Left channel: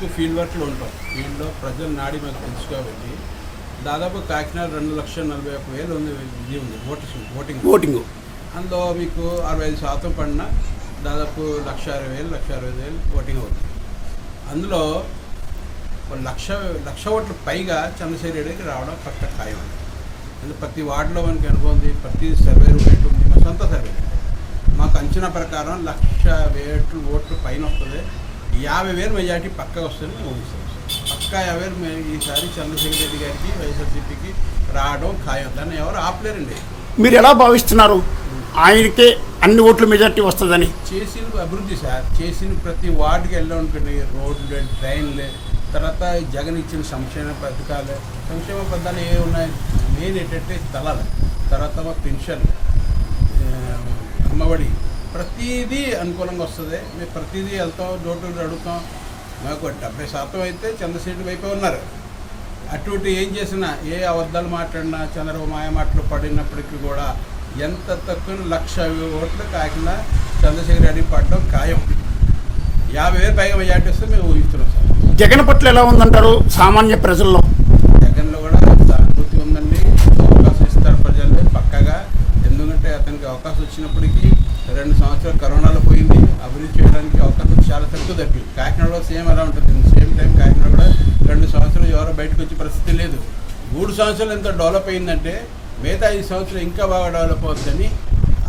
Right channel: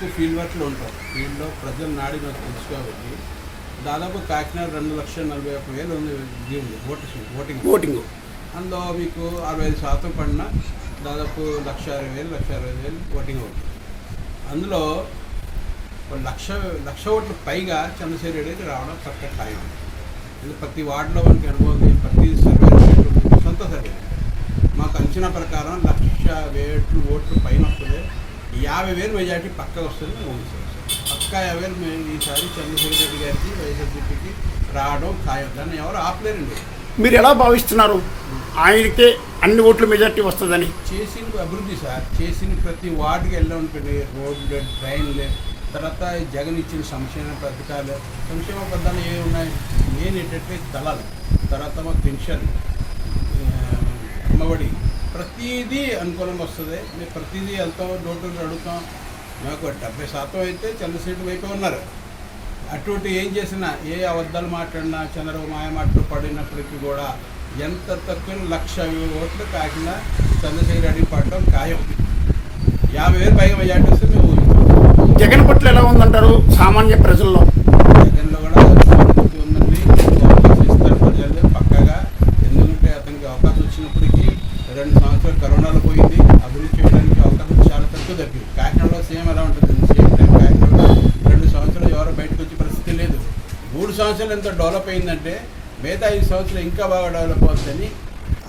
అందుబాటులో ఉంటాం. ఫీల్డ్లో ప్రజల నాడి మాకు తెలుసు కాబట్టి దాదాపు కాకినాడ రెండు లక్షల నలభై ఒక్క వేలు ఉంది ఇది ఉంది ఓటింగ్ ఓటింగ్. ఓటింగ్. అందులో మీకు అరవై ఐదు శాతం పడిన దాదాపు లక్ష అరవై వేలు లక్ష అరవై వేలు ఓటింగ్ అవుతుంది. అందులో లక్ష లక్ష ఓట్ల పైగా చంద్రశేఖర్ రెడ్డికి రావడం పక్క ఖాయం. ఎందుకంటే ప్రతి వార్డులో మనకి అనుభవం ఉంది ప్రతి సర్వే ఉంది సొంత సర్వే. మాకు అంచనా ప్రకారం లక్ష వేట్లు ఓట్లు పైన వస్తుంది. యాభై వేలు మెజార్టీ పక్కగా వస్తుంది మేము ఊహిస్తాం పక్కా యాభై వేలు మేము ఈసారి చంద్రశేఖర్ రెడ్డి గారికి వైఎస్ఆర్సీపీకి రావడం ఖాయం. దాన్ని ఎవరు ఆపలేరండి. మీరు ఎలా భావిస్తున్నారు? ఆయనకే అన్ని ఓట్ల మెజార్టీ వస్తుందని. చేసిన అభివృద్ధి సార్ చేసిన ప్రతి వార్డుకి వెళ్ళాం అనుకోండి రోడ్లు ట్రైన్లు తర్వాత జగన్ ఇచ్చిన సంక్షేమ పథకాలు సంక్షేమ పథకాలు ఏ ఉన్నాయి? మెయిన్ ఏంటంటే స్థలాలు తర్వాత మా పెన్షన్ అమ్మఒడి ప్రతిదీ అనుకూలంగా వస్తుంది. మేము ప్రతిదీ వెళ్తాం డోర్ టు డోర్ అడుగుతాం మాకు డెబ్బై శాతం అయితే చంద్రశేఖర్ వైపే ఉన్నారు. అటువంటి ఏం చేసినా ఏ అబద్ధాలు మాట్లాడినా చంద్రబాబు మాయ మాటలు పడినప్పటికీ కూడా ఎంత తక్కువ లక్ష ఓట్లు కాకినా చంద్రశేఖర్ రెడ్డి పడడం ఖాయం. యాభై వేలు పైగా మెజార్టీ వస్తే మేము ఊహిస్తున్నాం జగన్ పట్ల ఎలా ఉందంటారు సామాన్య ప్రజల్లో? జగన్లో కూడా సానుభూతి ఉందండి అవకాశం ఇస్తారు ప్రజలు పక్కగా చేయడానికి అవకాశం వచ్చినప్పటికీ రెండు సంవత్సరాలు కరోనాలో పోయింది. అభివృద్ధి చేయడానికి అవకాశం చాలా తక్కువ తగ్గింది. కాకినాడలో సేమ్ ఎలా ఉంటుంది. సేమ్ టైం కాకినాడలో రెండు సంవత్సరాలు ఎవరో బయటకు వచ్చే పరిస్థితి లేదు. మూడు సంవత్సరాలు ఎంత డెవలప్ అయిందంటే మిగతా ఐదు సంవత్సరాలు ఇంకా బాగా డెవలప్ అవుతుందని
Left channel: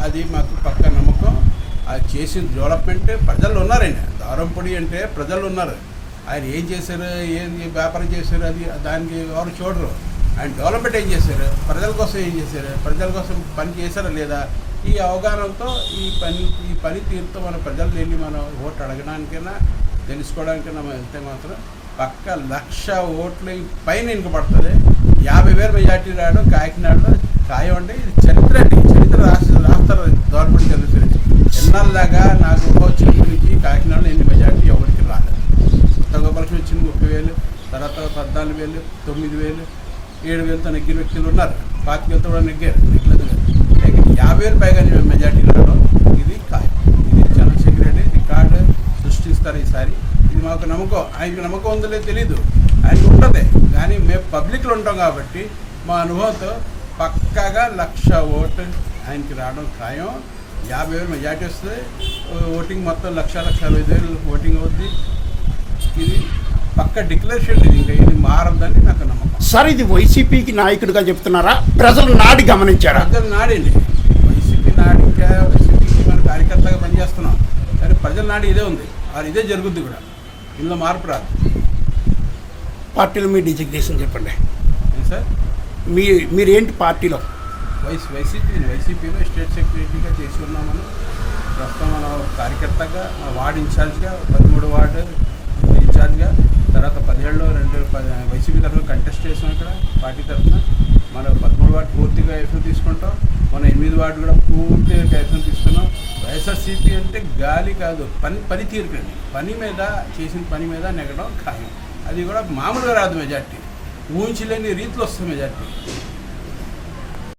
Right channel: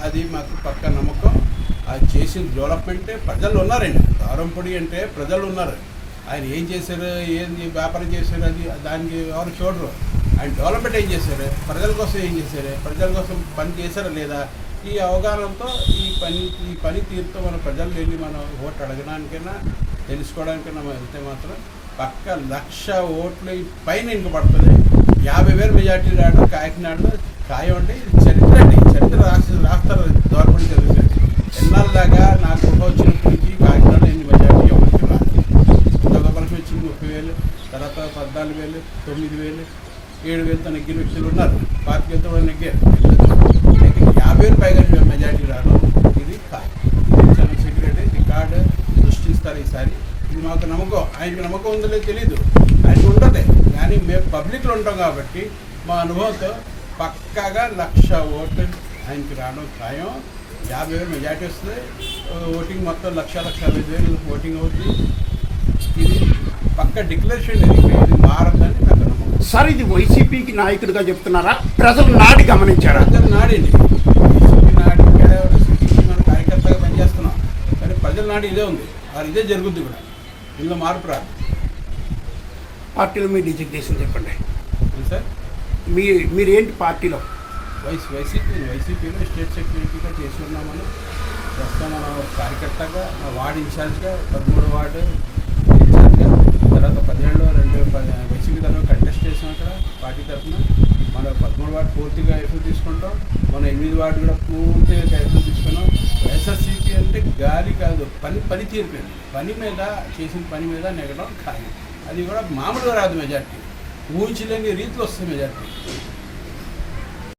అది మాకు పక్క నమ్మకం. అది చేసిన డెవలప్మెంట్ ప్రజలు ఉన్నారండి. దారంపొడి అంటే ప్రజలు ఉన్నారు. ఆయన ఏం చేశారు? ఏం వ్యాపారం చేశారు? అది దానికి ఎవరు చూడరు. ఆయన డెవలప్మెంట్ ఏం చేశారు? ప్రజల కోసం ఏం చేశారు? ప్రజల కోసం పని చేశారా లేదా? ఈ అవగాహనతో ఈ పని ఈ పని తీరుతో మన ప్రజలు వెళ్ళి మనం ఓటు అడగడానికైనా తెలుసుకోవడానికైనా మనం వెళ్తే మాత్రం పక్క లక్ష ఓట్లు పైన ఇంకపడుతుంది యాభై వేల మెజార్టీ రావడం కాకినాడలో ఖాయం అంటే ఇది చరిత్ర అండి. చరిత్ర రాసి రాస్తారు గవర్నమెంట్ చదివితే ఎన్నాళ్ళలాగా నాకు వచ్చిన గురించి కాకినాడలో ఎన్ని మెజార్టీ ఎవరికి రాలేదు. గోపాలకృష్ణ వచ్చింది ముప్పై వేలు తర్వాత పద్నాలుగు వేలు తొమ్మిది వేలు ఏడు వేలతో నెగ్గిన వ్యక్తులు ఉన్నారు. పాతిక వేలతో కూడా నెగ్గారు. నెగ్గలేదు లేకపోతే యాభై వేలు పైగా మెజార్టీ రావడం ఇది ఖాయం ఇది చంద్రశేఖర్ రెడ్డి రికార్డు సృష్టిస్తారు ఈసారి. ఇది మాకు నమ్మకం. ఆయనకి నమ్మకం ఉందో తెలీదు. తెలియదు ఆయనకు ఉంటుంది. కానీ మేము పబ్లిక్లో ఉంటాం కాబట్టి మా అనుభవంతో పక్కాగా లక్ష ఓటు ఆయనకి రావడం ఖాయం. యాభై వేలు మెజార్టీ వస్తుంది ఓటింగ్ మొత్తం లక్ష లక్ష అరవై ఐదు వేలు ఓటింగ్ అవుద్ది. ఇది పక్క డిక్లరేషన్ ఇది. ఇంకా ఇది మా సార్ ఇది వైసీపీకి నాయకుడిగా చెప్తున్నారా? ప్రజలు నాడి గమనించారా? ప్రజల నాడండి వైసీపీ వైసీపీకి మనం కార్యకర్తగా పనిచేస్తున్నాం. కానీ ప్రజల నాడి ఇదే ఉంది. అది ఇదే జరుగుద్ది కూడా. ఇందులో మార్పు రాదు. పార్టీలో మీ డిజిగ్నేషన్ చెప్పండి. సార్? మీ మీరేంటి పార్టీలో? వైస్ వైసీపీ వైసీపీలో స్టేట్ సెక్రటరీగా చేసి ఉన్నాం మనం ప్రస్తుతం మనం కార్యకర్తగా వార్డు ఇన్ఛార్జ్గా పదమూడు వార్డు ఇన్ఛార్జ్గా తర్వాత పదిహేడులో రెండు పది వైసీపీ తరఫున కంటెస్ట్ ఇక్కడ పార్టీ తరఫున మన పదమూడు వార్డు పూర్తిగా ఎఫ్ఎం తీసుకుంటాం. మన ఎనిమిది వార్డు కూడా పూర్తిగా ఎఫ్ఎం తీసుకున్నాం. వైఎస్ఆర్సీపీ అంటే గాలి కాదు పని పని తీరుకండి పని మీద చేసిన పని మీద నెగడం ఖాయం. అది కూడా మామూలుగా రాదు మెజార్టీ. ఊహించలేని రీతిలో వస్తుంది మెజార్టీ.